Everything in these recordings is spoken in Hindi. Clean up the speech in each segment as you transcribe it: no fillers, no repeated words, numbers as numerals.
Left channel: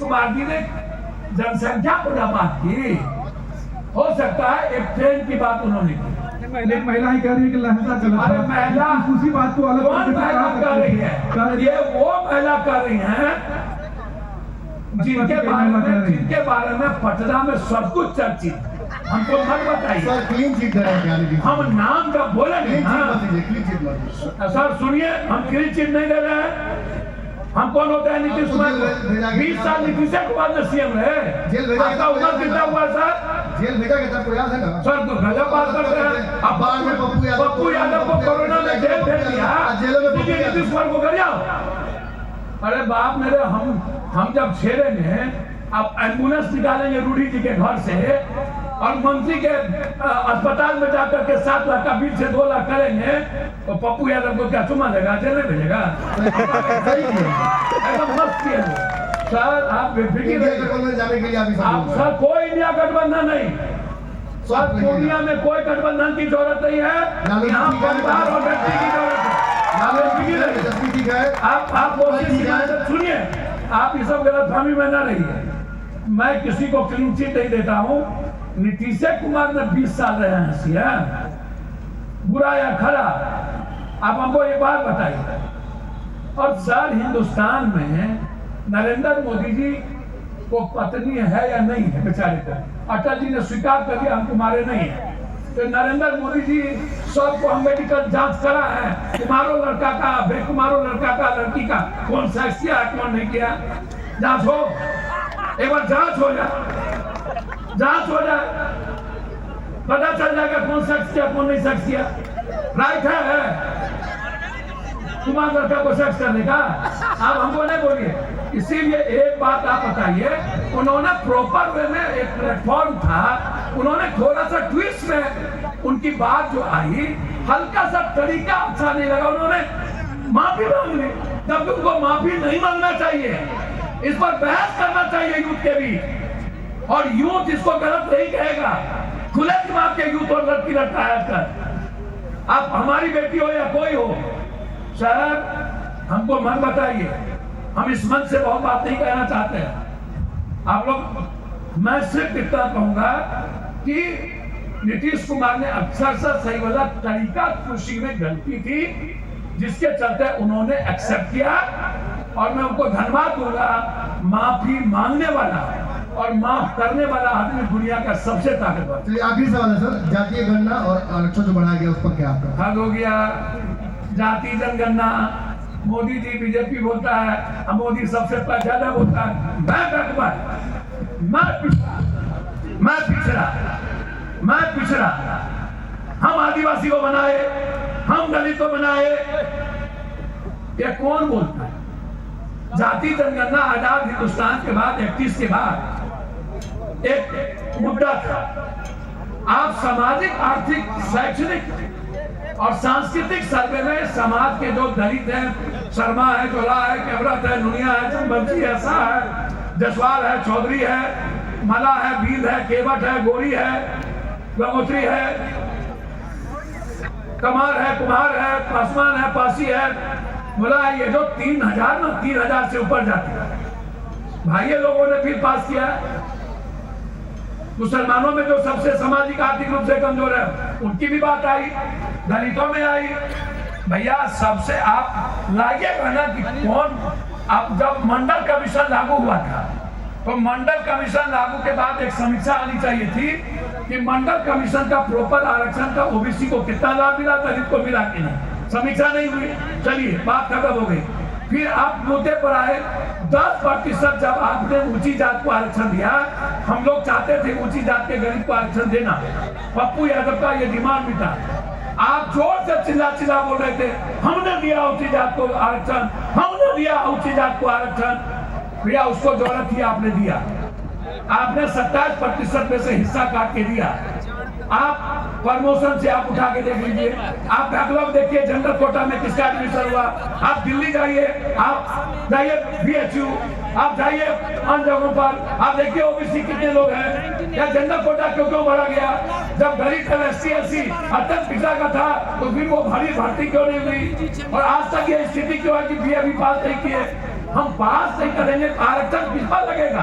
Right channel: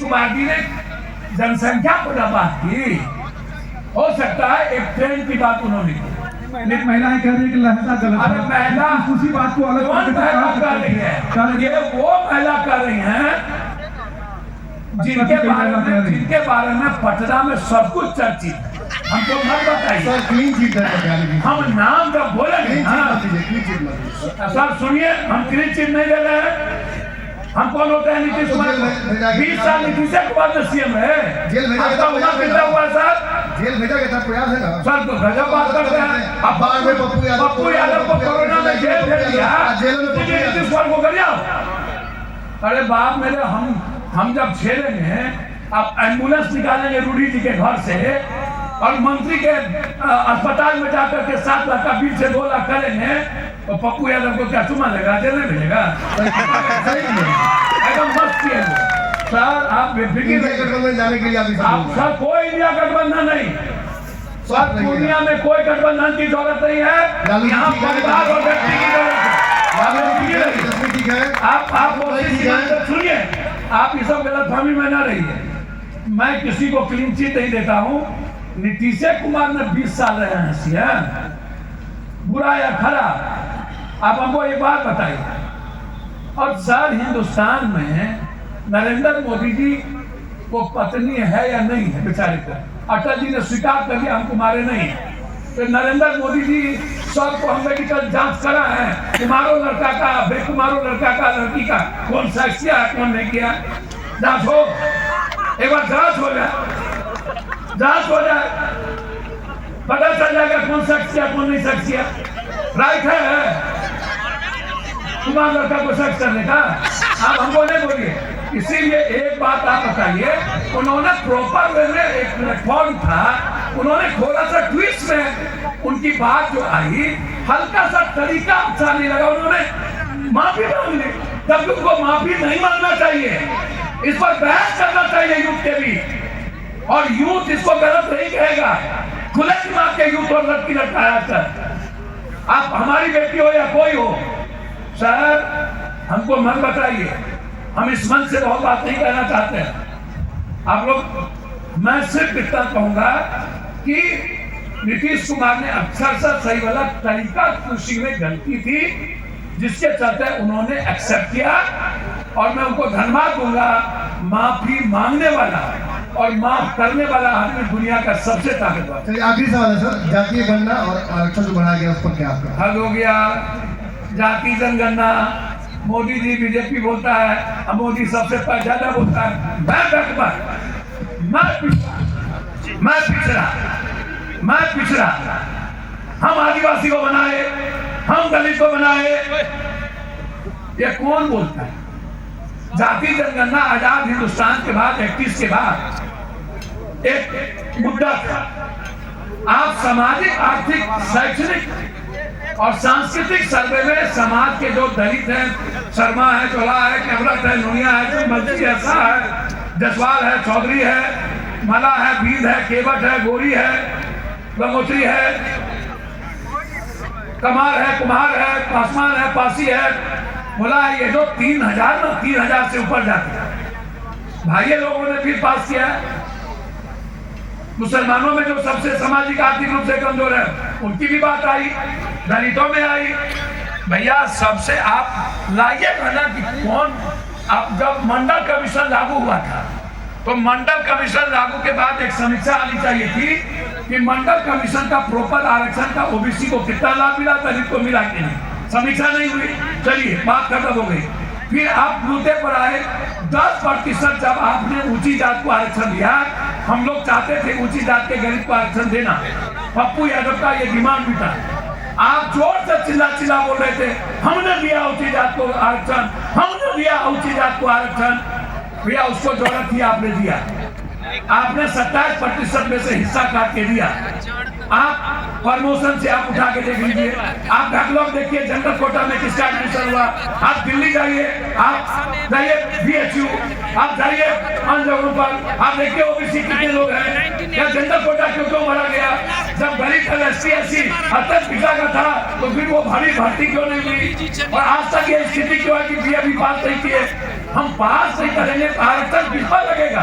कुमार जी ने जनसंख्या पर बात की, हो सकता है एक ट्रेन की बात उन्होंने की। महिलाएं कह रही है कि लहजा गलत है। महिला उसी बात को अलग कौन महिला कर रही है? ये वो महिला कर रही हैं जिनके बारे में पटना में सब कुछ चर्चित है। हमको मत बताइए, हम नाम जब बोलेंगे सर सुनिए, हम क्लीन चिट नहीं दे रहे हैं। हम कौन होते हैं? नीतीश कुमार। 20 साल नीतीश कुमार में सीएम है, आपका उम्र कितना हुआ सर? जेल भेजा गया था, प्रयास है ना सर, तो गजब बात करते हैं। अब बाद में पप्पू यादव को कोरोना में जेल भेज दिया, नीतीश कुमार को कर जाओ। अरे बाप मेरे, हम जब झेलेंगे, अब एम्बुलेंस निकालेंगे रूढ़ी जी के घर से और मंत्री के अस्पताल में जाकर के 7 लाख का बिल से 2 लाख करेंगे, तो पप्पू यादव को क्या चुमा लेगा? जेल में भेजेगा? मस्त किए सर, आप में जाने के लिए आप सर कोई इंडिया गठबंधन नहीं सर, दुनिया में कोई गठबंधन की जरूरत नहीं है। यहाँ परिवार और व्यक्ति की जरूरत है। आप सुनिए, आप इस सब गलतफहमी में न रहिए। मैं किसी को क्लीन चिट नहीं देता हूँ। नीतीश कुमार ने 20 साल रहे हैं सीएम, बुरा या खराब आप हमको एक बात बताइए। और सर, हिंदुस्तान में नरेंद्र मोदी जी को पत्नी है या नहीं है? बेचारे का अटल जी ने स्वीकार कर लिया, हम तुम्हारे नहीं है। तो नरेंद्र मोदी जी सबको हम मेडिकल जांच करा है, तुम्हारो लड़का का, बेकुमारो लड़का का, लड़की का कौन सा किया, कौन नहीं किया? जांच हो, एक बार जांच हो जाए, पता चल जाएगा कौन शख्स किया, कौन नहीं शख्स किया। राइट है तुम्हारा लड़का को शख्स करने का? आप हमको नहीं बोलिए। इसीलिए एक बात आप बताइए, उन्होंने प्रॉपर वे में एक प्लेटफॉर्म था, उन्होंने थोड़ा सा ट्विस्ट में उनकी बात जो आई, हल्का सा तरीका अच्छा नहीं लगा, उन्होंने माफी मांग ली। तब उनको माफी नहीं मांगना चाहिए, इस पर बहस करना चाहिए यूथ के भी, और यूथ इसको गलत नहीं कहेगा। खुले दिमाग के यूथ और लड़की लड़का है सर, आप हमारी बेटी हो या कोई हो सर, हमको मन बताइए। हम इस मन से बहुत बात नहीं कहना चाहते हैं आप लोग। मैं सिर्फ इतना कहूंगा कि नीतीश कुमार ने अक्सर सही वाला तरीका कृषि में गलती थी, जिसके चलते उन्होंने एक्सेप्ट किया, और मैं उनको धन्यवाद दूंगा। माफी मांगने वाला और माफ करने वाला आदमी दुनिया का सबसे ताकतवर। आखिरी सवाल है सर, जातीय गणना और आरक्षण जो बढ़ाया गया उस पर क्या आपका? हद हो गया। जाति जनगणना मोदी जी बीजेपी बोलता है, अब मोदी सबसे ज्यादा बोलता है। मैं पिछड़ा, हम आदिवासी को बनाए, हम दलित को बनाए, ये कौन बोलता है? जाति जनगणना आजाद हिंदुस्तान के बाद 31 के बाद एक मुद्दा था। आप सामाजिक, आर्थिक, शैक्षणिक और सांस्कृतिक सर्वे में समाज के जो दलित हैं, शर्मा है, चोला है, कैमरत है, लुनिया है, बंसी है, शाह है, जसवाल है, चौधरी है, मला है, भील है, केवट है, गोरी है, गंगोत्री है, कमार है, कुम्हार है, पासवान है, पासी है, बोला ये जो 3000 से ऊपर जाते हैं भाई, लोगों ने फिर पास किया। मुसलमानों में जो सबसे सामाजिक आर्थिक रूप से कमजोर है उनकी भी बात आई, दलितों में आई। भैया सबसे आप लाइए कहना कि कौन, आप जब मंडल कमीशन लागू हुआ था तो मंडल कमीशन लागू के बाद एक समीक्षा आनी चाहिए थी कि मंडल कमीशन का प्रॉपर आरक्षण का ओबीसी को कितना लाभ मिला, दलित को मिला कि नहीं। समीक्षा नहीं हुई, चलिए बात खत्म हो गई। फिर आप मुद्दे पर आए 10% जब आपने ऊंची जात को आरक्षण दिया, हम लोग चाहते थे ऊंची जात के गरीब को आरक्षण देना, पप्पू यादव का ये डिमांड भी था। आप जोर से चिल्ला बोल रहे थे, हमने दिया ऊंची जात को आरक्षण, हमने दिया ऊंची जात को आरक्षण। भैया उसको जरूरत थी, आपने दिया, आपने 27% में से हिस्सा काट के दिया। आप प्रमोशन से आप उठा के देख लीजिए, आप बैकलॉग देखिए, जनरल कोटा में किसका एडमिशन हुआ। आप दिल्ली जाइए, आप जाइए बीएचयू, आप जाइए अन्य जगहों पर, आप देखिए ओबीसी कितने लोग हैं, क्या जनरल कोटा क्यों बढ़ा गया? जब गरीब था SC तक पिता का था तो फिर वो भारी भर्ती क्यों नहीं हुई? और आज तक ये स्थिति क्यों है कि भी अभी पास नहीं किए? हम पास नहीं करेंगे, आरक्षण किस पर लगेगा?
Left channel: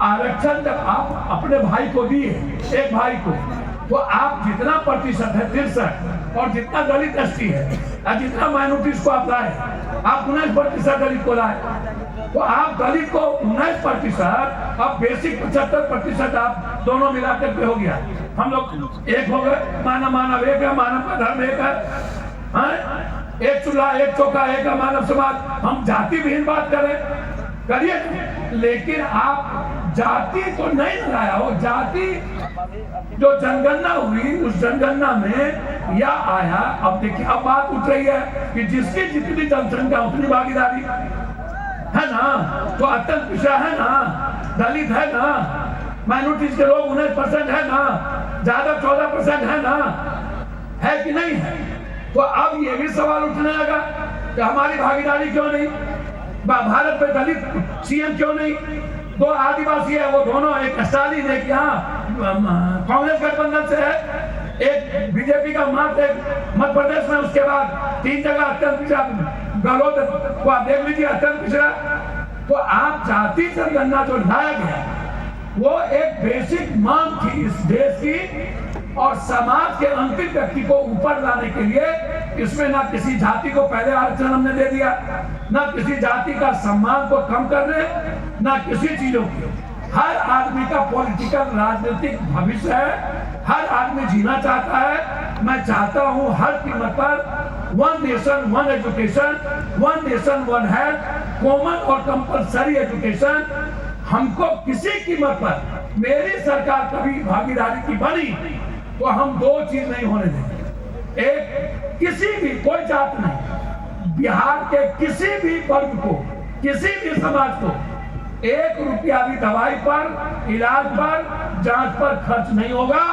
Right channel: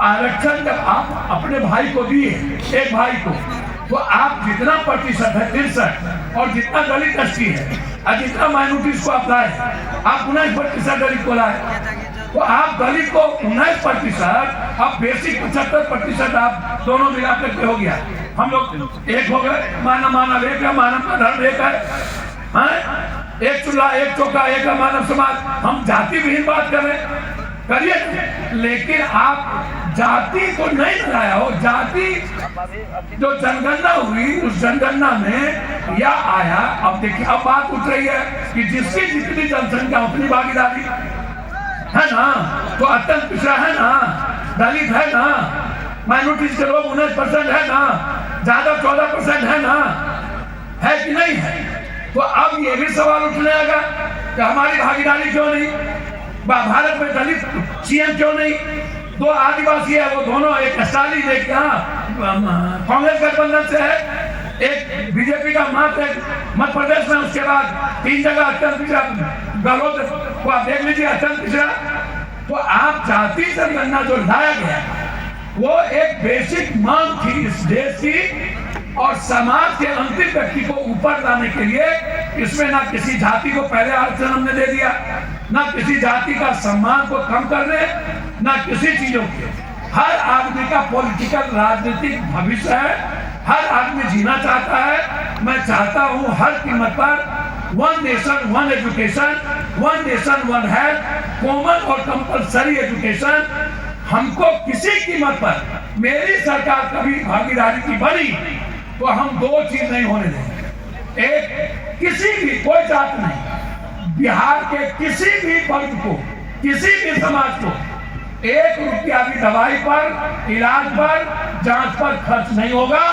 आरक्षण जब आप अपने भाई को दिए, एक भाई को, तो आप जितना प्रतिशत है 63 और जितना दलित एसटी है और जितना माइनॉरिटीज को आप लाए, आप 19% दलित को लाए, तो आप दलित को 19%, अब बेसिक 75% आप दोनों मिलाकर के हो गया। हम लोग एक हो गए, मानव एक है, मानव का धर्म एक है, एक चूल्हा एक चौका एक है मानव समाज। हम जाति विहीन बात कर रहे, करिए, लेकिन आप जाति को नहीं लगाया हो। जाति जो जनगणना हुई, उस जनगणना में यह आया। अब देखिए, अब बात उठ रही है कि जिसकी जितनी जनसंख्या उतनी भागीदारी है ना, तो अत्यंत पिछड़ा है ना, दलित है ना, माइनॉरिटीज के लोग 19% है ना, ज्यादा 14% है ना, है कि नहीं है? तो अब ये भी सवाल उठने लगा कि हमारी भागीदारी क्यों नहीं, भारत में दलित सीएम क्यों नहीं? दो आदिवासी है, वो दोनों, एक स्टालिन, एक कांग्रेस गठबंधन से है, एक बीजेपी का मध्य प्रदेश में, उसके बाद 3 जगह अत्यंत पिछड़ा, गहलोत को आप देख लीजिए अत्यंत पिछड़ा। तो आप जाति जनगणना जो लाया गया, वो एक बेसिक मांग थी इस देश की, और समाज के अंतिम व्यक्ति को ऊपर लाने के लिए इसमें ना किसी जाति को पहले आरक्षण हमने दे दिया, ना किसी जाति का सम्मान को कम करने, ना किसी चीजों के। हर आदमी का पॉलिटिकल राजनीतिक भविष्य है, हर आदमी जीना चाहता है। मैं चाहता हूं हर कीमत पर 1 nation 1 education, 1 nation 1 health, common और कंपलसरी एजुकेशन। हमको किसी कीमत पर, मेरी सरकार कभी भागीदारी की बनी तो हम 2 चीज नहीं होने देंगे। एक, किसी भी, कोई जात नहीं, बिहार के किसी भी वर्ग को, किसी भी समाज को 1 रुपया भी दवाई पर, इलाज पर, जांच पर खर्च नहीं होगा।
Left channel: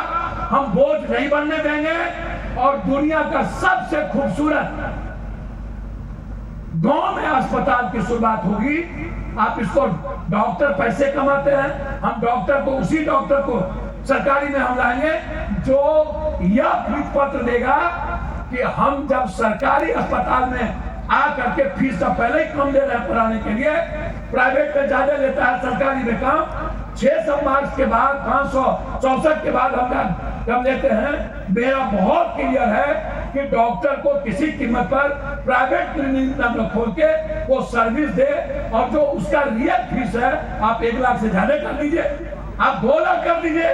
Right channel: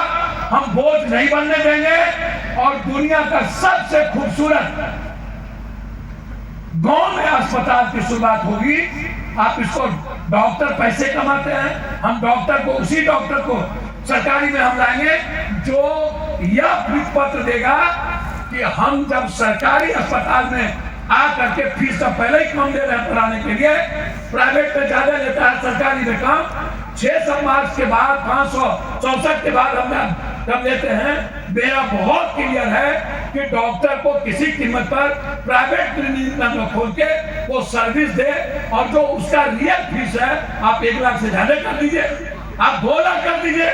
हम बोझ नहीं बनने देंगे। और दुनिया का सबसे खूबसूरत गांव में अस्पताल की शुरुआत होगी। आप इसको, डॉक्टर पैसे कमाते हैं, हम डॉक्टर को, उसी डॉक्टर को सरकारी में हम लाएंगे जो यह भीख पत्र देगा कि हम जब सरकारी अस्पताल में आ करके फीस तो पहले ही कम दे रहे हैं पढ़ाने के लिए, प्राइवेट में ज्यादा लेता है, सरकारी में कम। 600 मार्च के बाद, 564 के बाद हम जब लेते हैं, मेरा बहुत क्लियर है कि डॉक्टर को किसी कीमत पर प्राइवेट क्लिनिक न खोल के वो सर्विस दे, और जो उसका रियल फीस है आप 1 लाख से ज्यादा कर दीजिए, आप 2 लाख कर दीजिए,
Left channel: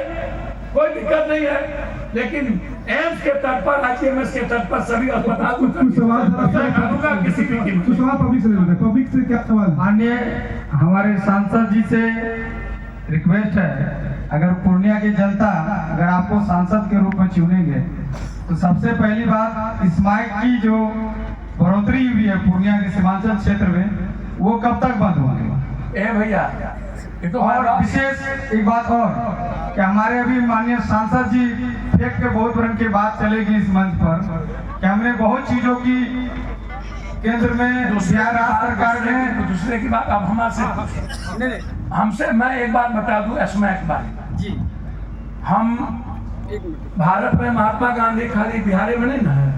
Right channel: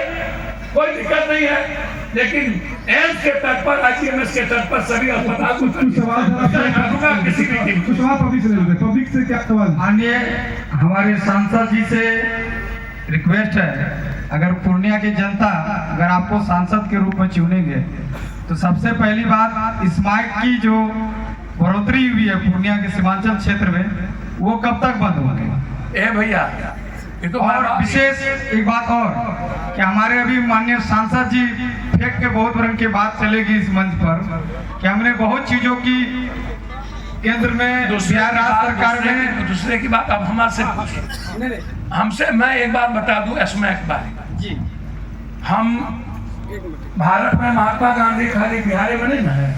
कोई दिक्कत नहीं है। लेकिन एम्स के तट पर, आईसीएमएस के तट पर सभी अस्पताल को सवाल किसी भी कीमत। पब्लिक से क्या सवाल? माननीय हमारे सांसद जी से रिक्वेस्ट है, अगर पूर्णिया की जनता अगर आपको सांसद के रूप में चुनेंगे तो सबसे पहली बात, स्मार्ट की जो बढ़ोतरी हुई है पूर्णिया के सीमांचल क्षेत्र में, वो कब तक बंद होंगे? ए भैया, ये तो और विशेष एक बात और कि हमारे अभी माननीय सांसद जी फेंक के बहुत रंग की बात चलेगी इस मंच पर कि हमने बहुत चीजों की केंद्र में, बिहार राज्य सरकार ने, दूसरे की बात अब हमारे हमसे, मैं एक बात बता दूं एस्मैक बात जी, हम भारत में महात्मा गांधी खाली बिहार में नहीं है,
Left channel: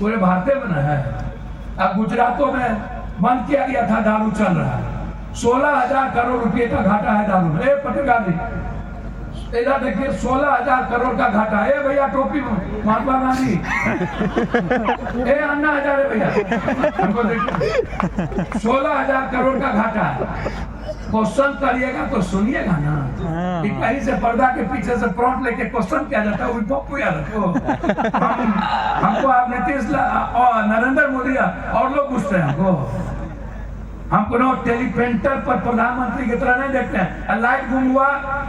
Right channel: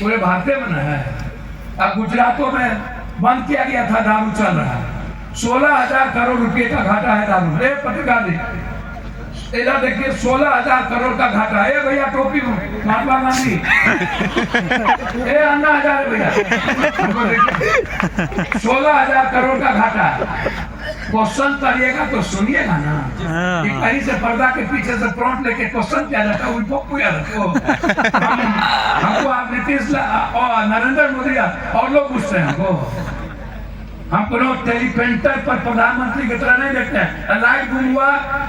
पूरे भारत में है। अब गुजरातों में बंद किया गया था, दारू चल रहा है, 16,000 करोड़ रुपए का घाटा है दारू में। पत्रकार जी इधर देखिए, 16,000 करोड़ का घाटा है भैया, टोपी में महात्मा गांधी, अन्ना हजारे भैया, 16,000 करोड़ का घाटा है। क्वेश्चन करिएगा तो सुनिएगा ना, कहीं से पर्दा के पीछे से प्रॉम्प्ट लेके क्वेश्चन किया जाता है, उनको हमको आप नीतीश और नरेंद्र मोदी और लोग पूछते हैं हमको, हम कोनो टेलीपेंटर पर प्रधानमंत्री की तरह नहीं देखते हैं। लाइट गुम हुआ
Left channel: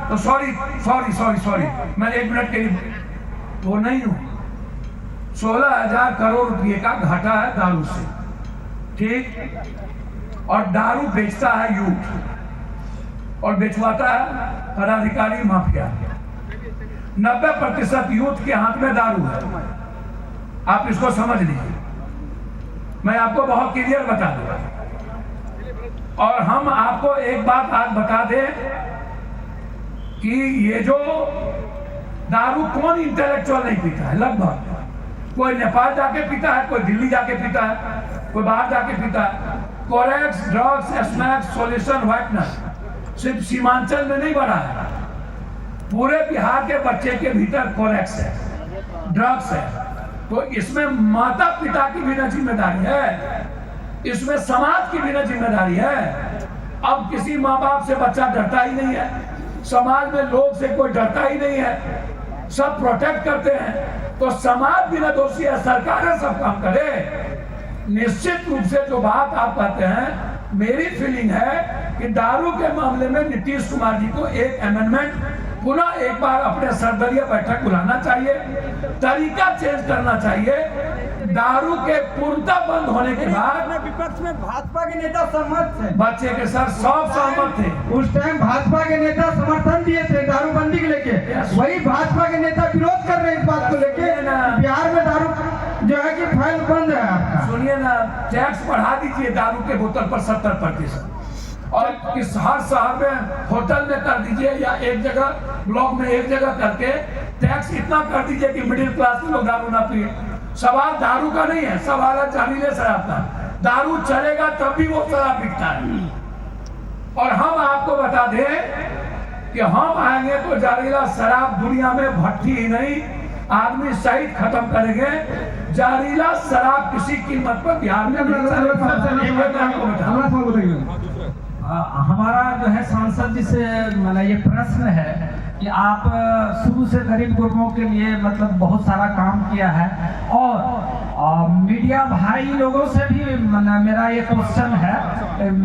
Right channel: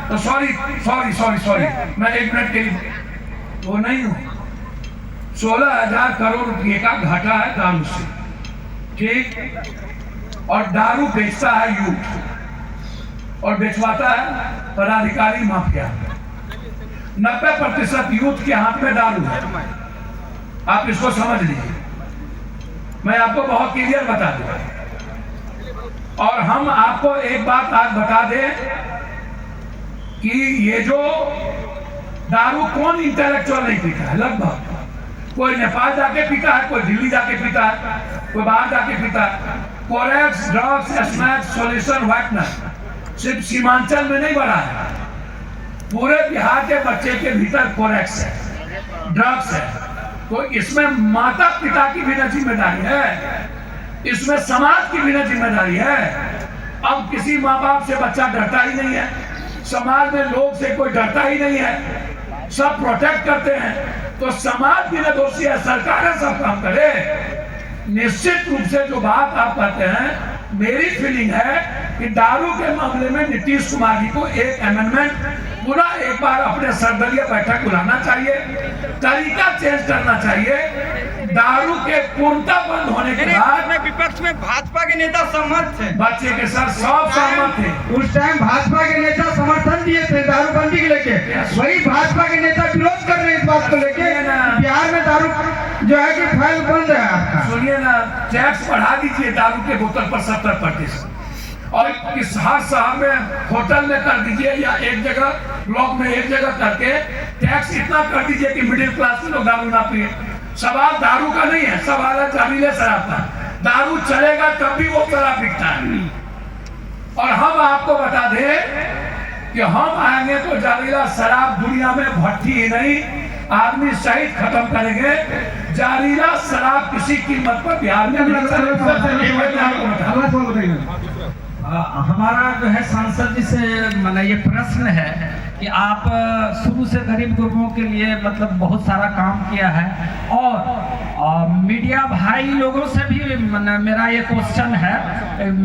तो सॉरी, मैं 1 मिनट वो नहीं हूँ। 16,000 करोड़ रुपये का घाटा है दारू से, ठीक, और दारू बेचता है यूथ और बेचवाता है पदाधिकारी माफिया। 90% यूथ के हाथ में दारू है, आप इसको समझ लीजिए। मैं आपको बहुत क्लियर बता दूं, और हम आपको एक बात आज बता दें कि ये जो दारू कौन इंटेलेक्चुअल नहीं पीता है, लगभग कोई नेपाल जाके पीता है, कोई दिल्ली जाके पीता है, कोई बाहर जाके पीता है। Corex, drugs, snacks, solution, whitener सिर्फ सीमांचल में नहीं बढ़ा है, पूरे बिहार के बच्चे के भीतर फोरेक्स है, ड्रग्स है। तो इसमें माता पिता की भी न जिम्मेदारी है, इसमें समाज की भी न जिम्मेदारी है। अब किसी माँ बाप से बच्चा डरता ही नहीं है, समाज में लोग से कोई डरता ही नहीं है, सब प्रोटेक्ट करते हैं। तो समाज भी न दोषी है, सरकारें सब काम करे। निश्चित रूप से जो बात आप कहते हैं, मेरी फीलिंग है कि दारू के मामले में नीतीश कुमार जी को एक अमेंडमेंट पुनः एक बार अपने सर्वदलीय बैठक बुलाना चाहिए, तरीका चेंज करना चाहिए। दारू के पूर्णतः बंद होने के बाद विपक्ष में भाजपा के नेता सहमत थे, बच्चे के साथ सब सहमत थे। उस टाइम भाजपा के नेता समर्थन दिए थे दारूबंदी के लेके, वही भाजपा के नेता विरोध कर रहे हैं इस बात को लेके। बिहार में दारू जो है कि फैल बंद है आपका। सुनिए ना, टैक्स बढ़ा दीजिए दारू के बोतल पर 70%, और किस हर शहर में होटल में कर दीजिए, या एक जगह ब्लॉक में एक जगह करके टैक्स इतना कर दीजिए कि मिडिल क्लास के लोग दारू ना पिए। सवाल दारू का नहीं है, सवाल है जहरीले शराब का। दारू चलेगा तब भी वो शराब बिकता है। और हम आपको बता दें कि हम आएंगे तो जहरीला शराब दुनिया में भट्टी ही नहीं, आदमी शहीद खत्म करेंगे। जहरीला शराब किसी कीमत पर बिहार में नहीं चलेगा। हमारा जो है सांसद जी से मतलब ये प्रश्न है कि आप शुरू से गरीब गुरबों के लिए मतलब बहुत सारा काम किया है, और मीडिया भाई लोगों से भी मेरा ये क्वेश्चन है,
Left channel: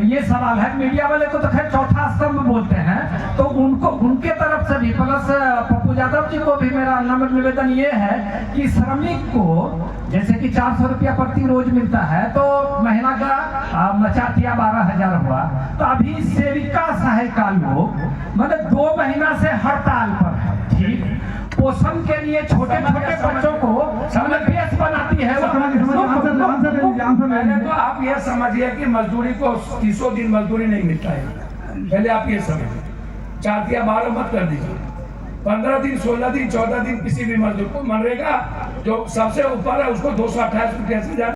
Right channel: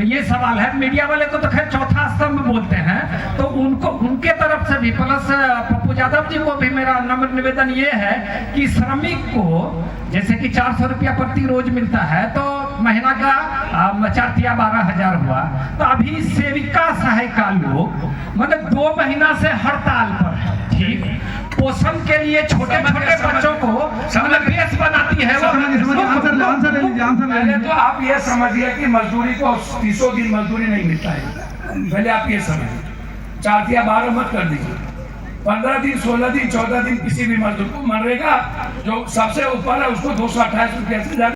ये सवाल है। मीडिया वाले को तो खैर चौथा स्तंभ बोलते हैं, तो उनको उनके तरफ से भी प्लस पप्पू यादव जी को भी मेरा नम्र निवेदन ये है कि श्रमिक को जैसे कि 400 रुपया प्रति रोज मिलता है, तो महीना का 4 या 12,000 हुआ। तो अभी सेविका सहायिका लोग मतलब 2 महीना से हड़ताल पर है, ठीक। पोषण के लिए छोटे छोटे बच्चों को मतलब बेस बनाती है वो। पहले तो आप ये समझिए कि मजदूरी को 30 दिन मजदूरी नहीं मिलता है, पहले आप ये समझिए। 4 या 12 मत कर दीजिए, 15 दिन 16 दिन 14 दिन किसी भी मजदूर को मनरेगा जो सबसे ऊपर है उसको 228 रुपया से